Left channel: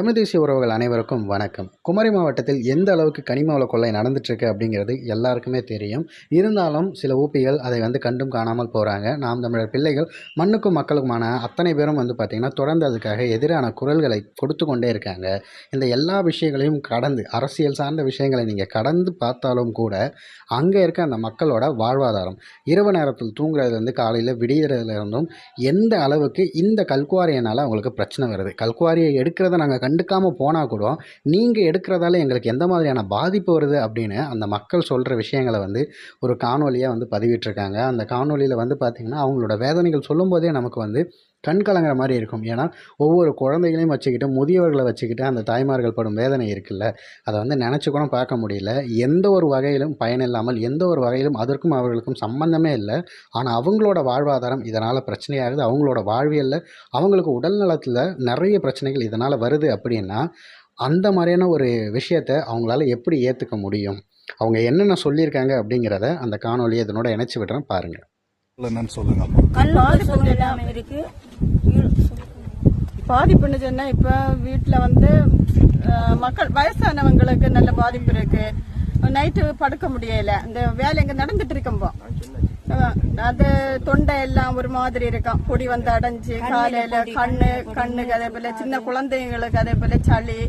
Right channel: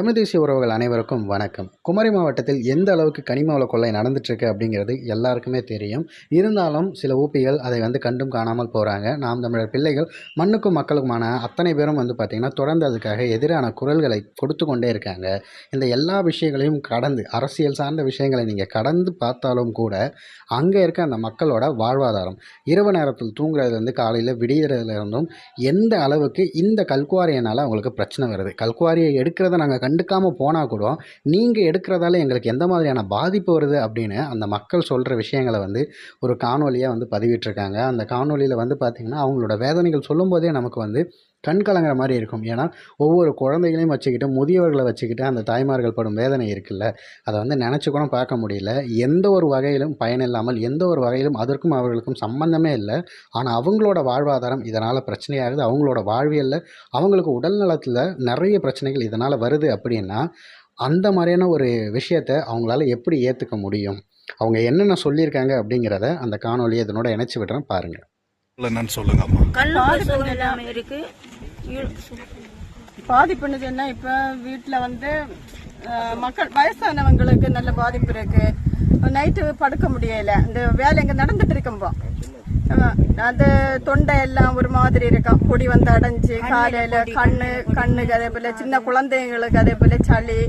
தமிழ் தேசிய உறவுகள் அனைவருக்கும் வணக்கம். குமரி மாவட்டத்தில் எந்த அளவுக்கு கனிம வள கொள்ளை நடந்துட்டுருக்கு அப்படிங்கிறது எல்லாருக்குமே தெரியும். இருந்தாலும் சில ஊப்பிகள் அதை கண்டும் காணாமல் போகிறாங்க. நாம் தமிழர் பிள்ளைகள் மண்ணுக்கும் மக்களுக்குமான அத்தனை பேரும் பார்த்திங்கன்னா தொடர்ந்து அதுக்காக எதிரான குரல்களை கொடுத்து கொண்டே இருக்காங்க. இந்த எல்லா விஷயங்களையும் கடந்து அரசியல் சார்ந்த விஷயங்களை நீங்கள் கடந்து பார்த்தாலும் கூட அங்கே இருக்க அந்த மக்களோட வாழ்வாதாரம் இரவு நேரத்தில் தூங்குறதுலேருந்து காலையில் விடியறதுலேருந்தும் எந்த அளவுக்கு இந்த கல்குவாரியினால் அவங்களுக்கு பிரச்சனை வருது. கல்குவாரியை எடுக்கிறத நாங்கள் கண்டுக்காமல் போனால் கூட நீங்கள் எடுக்கிறதால எங்களுக்கு எந்த மாதிரியான பாதிப்பு வருது அப்படின்னு அந்த மக்கள் சொல்கிற விஷயங்களை ஒரு காணொலியாக பதிவிட்டிருக்காங்க. அந்த காணொலியில் பார்த்திங்கன்னா அவங்களோட வேதனைகள் சொல்லும்போதே நமக்கு கண் கலங்கிற மாதிரி இருக்கும். ஏன்னா ஒவ்வொரு குழந்தைகளையும் வச்சுக்கிட்டு முதியவர்களை வச்சுக்கிட்டு அந்த தாய்மார்கள் படும் வேதனை இருக்குல்ல, அதை நினச்சி கூட பார்க்க முடியல. எந்த ஒரு வகையிலும் பயனில்லாமல், எந்த ஒரு வகையிலும் அதற்கும் அவர்களுக்கும் சம்பந்தமே இல்லை. ஆனால் அவங்களோட வாழ்வாதாரம் இதனால் பிரச்சனையாகுது. அவங்களோட வாழ்வியலில் அவங்களுக்கு உடல் நலத்தில் நிறைய பிரச்சனைகள் இதனால் வருது. அப்படின்னா அந்த மாதிரியான ஒரு விஷயத்தை அவங்களால எப்படி ஏற்றுக்க முடியும்? அவங்க என்னென்ன சொல்லியிருக்காங்க அப்படிங்கிறத அந்த காணொலியை இதனோட இணைச்சி விடுறேன், பாருங்கள். என்னன்னு சொல்லுங்க. பாதிப்புன்னு சொன்னா இப்ப வீட்டுல மக்கள் வயசானவங்களுக்கு நல்ல பாதிப்பு இருக்கு. நைட்டு படுக்க முடியல. இந்த வேலை இங்க நடந்துட்டு இருக்கும்போ அது தொண்டை எல்லாம் ஒரு மாதிரி இருக்கும். பொடி அடைஞ்சு காலையில கண்ணுக்கு அதே போல சின்ன குழந்தைங்களுக்கு அதே போல சளி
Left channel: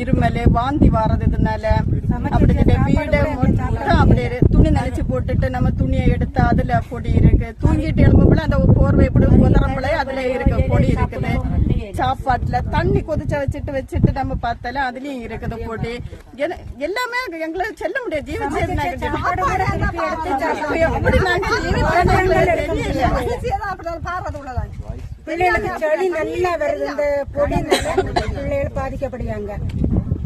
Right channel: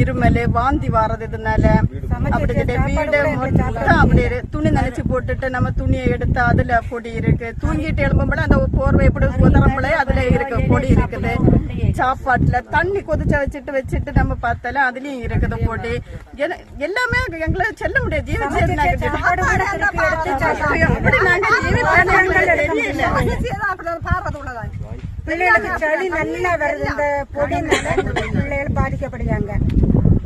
இருமல் வாந்தி வாரது. இதனால அப்படி வீடு மொத்தம் அப்படி துணி நினைச்சு போட்டுட்டு நம்ம துணியை எடுத்து அதுல பொடி இருக்கு. தூங்கிட்டு எழும்பும்போது அந்த போர்வை எப்படி உதறம்பளே அதுல இருக்கு பொடி இருக்குது. சாப்பாட்டுல தண்ணி கொதிச்ச வச்சுட்டு நம்ம பார்த்தாலும் அதுலயும் இருக்குது பொடி. எல்லாமே எங்களை செல்ல முடியாது. பிள்ளைகளுக்கு சளி நல்லா வருது. இந்த பொடி பிள்ளைகள் பாதிக்கப்படுறாங்க.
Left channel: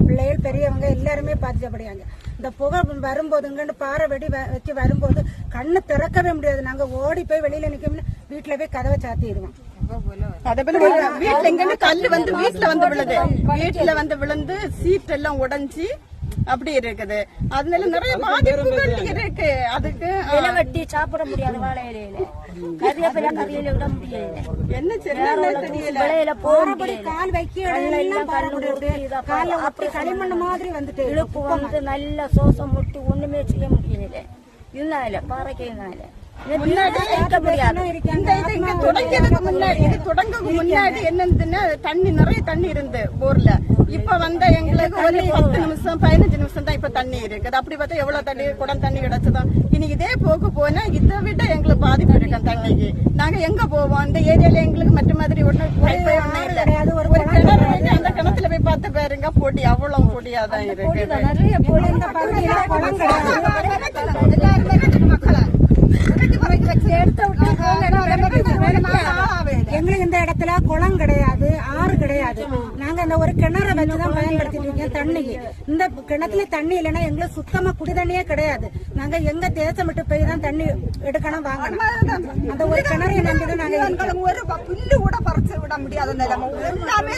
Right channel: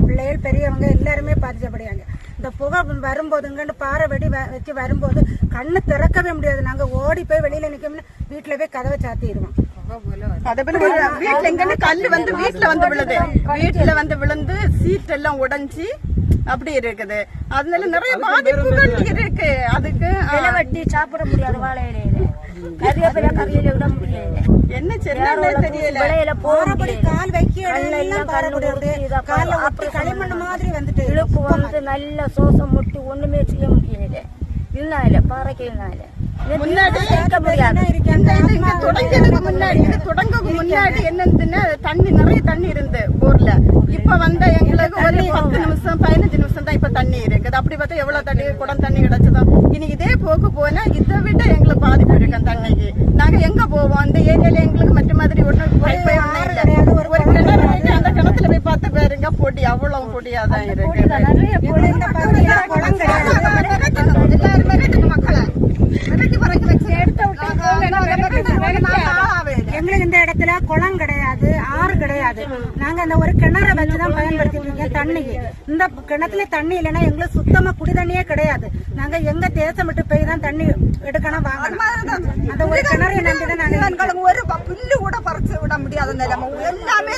பிள்ளைகள் பெரியவங்க எல்லாருமே பாதிக்கப்படுறாங்க. இந்த புகை வரும்போதுங்க பாறை வெடி வச்சு வரும்போது கண்ணு திறக்கவே முடியாது. நாங்க ஓடி போய் வெளியில நிக்க வீட்டுல போய் கதவை சாத்திடுவோம். வீட்டுல கல்லு வீட்டுல விழுது. வீட்டுல விழுந்து சீட் எல்லாம் உடைஞ்சி அப்படி இருக்குது. அதனால நிறைய பாதிப்புகள் இருக்கு. அதுக்கு வெட்டி சாப்பிட முடியாது. வாழை இலையில கறிவேப்பில கறியில விட முடியாது. என்ன விளையில போக முடியாது. கால் வைக்க களிமண் மாதிரி இழுப்பு நல்ல சோசம் முட்டி ஒண்ணுமே செய்ய முடியல. இதனால பாறைக்கிறதுனால முன்னாடி என்னன்னா தண்ணி நிறைய தண்ணி இருந்து போர்ல. இப்ப எங்களுக்கு ஒரு 10 நிமிஷம் 15 நிமிஷம் தான் இப்ப தண்ணி இருக்குது. அப்படி பார்த்தா எவ்வளவு தண்ணி குடம் தண்ணி கிடைச்சதோ. இனி இதே போக்கு போனா இதை விட எங்களுக்கு பாதிப்பு இருக்கு தண்ணிக்கு. நாங்க எங்க போவோம்? அந்த ஏரியால எங்களுக்கு மற்ற மாதிரி ஒண்ணும் ஒண்ணும் இல்ல. ஒரு கிணறு இருக்கு. அந்த கிணத்துல போய் பார்த்து பாருங்க பொடி அவ்வளவு பொடியாதான் இருக்கு. மக்களை எங்களுக்கு இந்த இடத்துல குளம் கிடையாது, ஆறு கிடையாது. நாங்க அந்த ஒரு கிணறை வச்சுதான் பயன்படுத்திட்டு இருக்கோம் தண்ணிக்கு. இந்த கிணத்துல தண்ணி இல்லைன்னா எங்களுக்கு சுத்தமா குடி தண்ணியே கிடையாது. நாங்க எங்க தேசம் விட்டு போய் தான் தண்ணி எடுக்கணும் வாங்கணும். அந்த ஒரு கிணறு நம்பிதான் நாங்க ஒரு புல்லு கூட பறிச்சு விட முடியாத நிலைமை எல்லாமே